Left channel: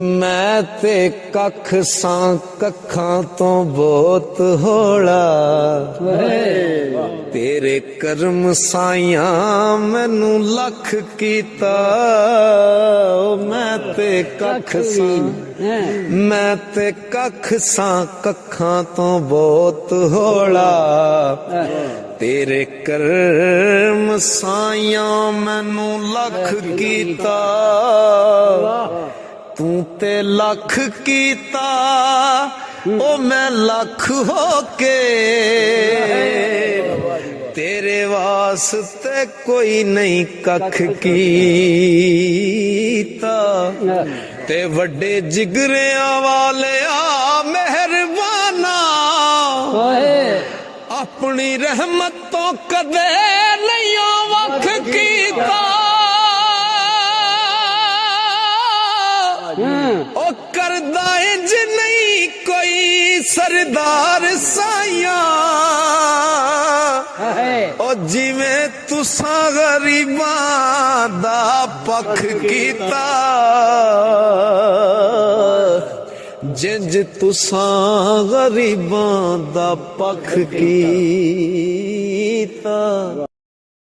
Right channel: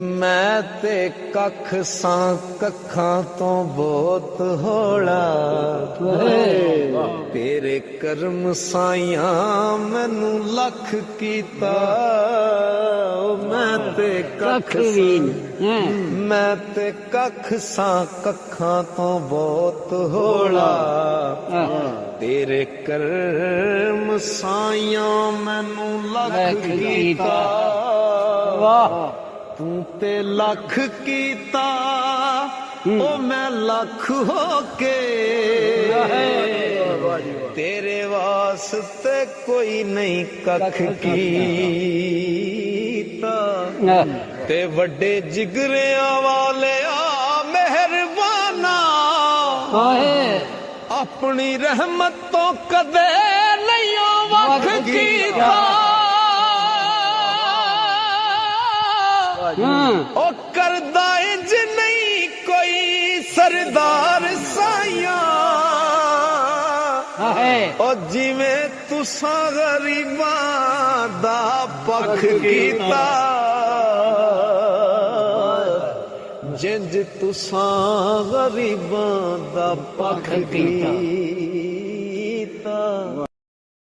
ਮੈਂ ਤੇ ਕੱਖ ਸਾਂ ਕੱਖਾਂ ਤੋਂ ਬਹੁਤ ਹੌਲਾ ਤੇਰੇ ਕਰਮ ਸਾਈਆਂ ਮੈਨੂੰ ਲੱਖ ਕੀਤਾ। ਮੈਂ ਤੇ ਕੱਖ ਸਾਂ ਮੈਂ ਤੇ ਕੱਖ ਸਾਂ ਕੱਖਾਂ ਤੋਂ ਬਹੁਤ ਹੌਲਾ ਤੇਰੇ ਕਰਮ ਸਾਈਆਂ ਮੈਨੂੰ ਲੱਖ ਕੀਤਾ। ਤੂੰ ਤੇ ਲੱਖ ਕੀਤਾ ਉਹ ਮੈਂ ਲੱਖ ਹੋ ਕੇ ਤੇਰੇ ਵਾਸਤੇ ਕੋਈ ਨਹੀਂ ਕੱਖ ਕੀਤਾ। ਤੇ ਵੱਡੇ ਜਿਗਰਿਆਂ ਵਾਲਿਆ ਮਿਹਰਬਾਨਾ ਆਪਣੀ ਰਹਿਮਤ ਤੋਂ ਕਦੇ ਨਹੀਂ ਵੱਖ ਕੀਤਾ। ਉਹ ਕਰਦਾ ਇੰਜ ਨਹੀਂ ਕੋਈ ਸਰਦਾਰ ਸਾਈਆਂ ਉਹ ਜਿਵੇਂ ਤੁਸਾਂ ਗਰੀਬਾਂ ਦਾ ਪੱਖ ਕੀਤਾ। ਜਿੰਜ ਤੁਸਾਂ ਗਰੀਬਾਂ ਦਾ ਪੱਖ ਕੀਤਾ।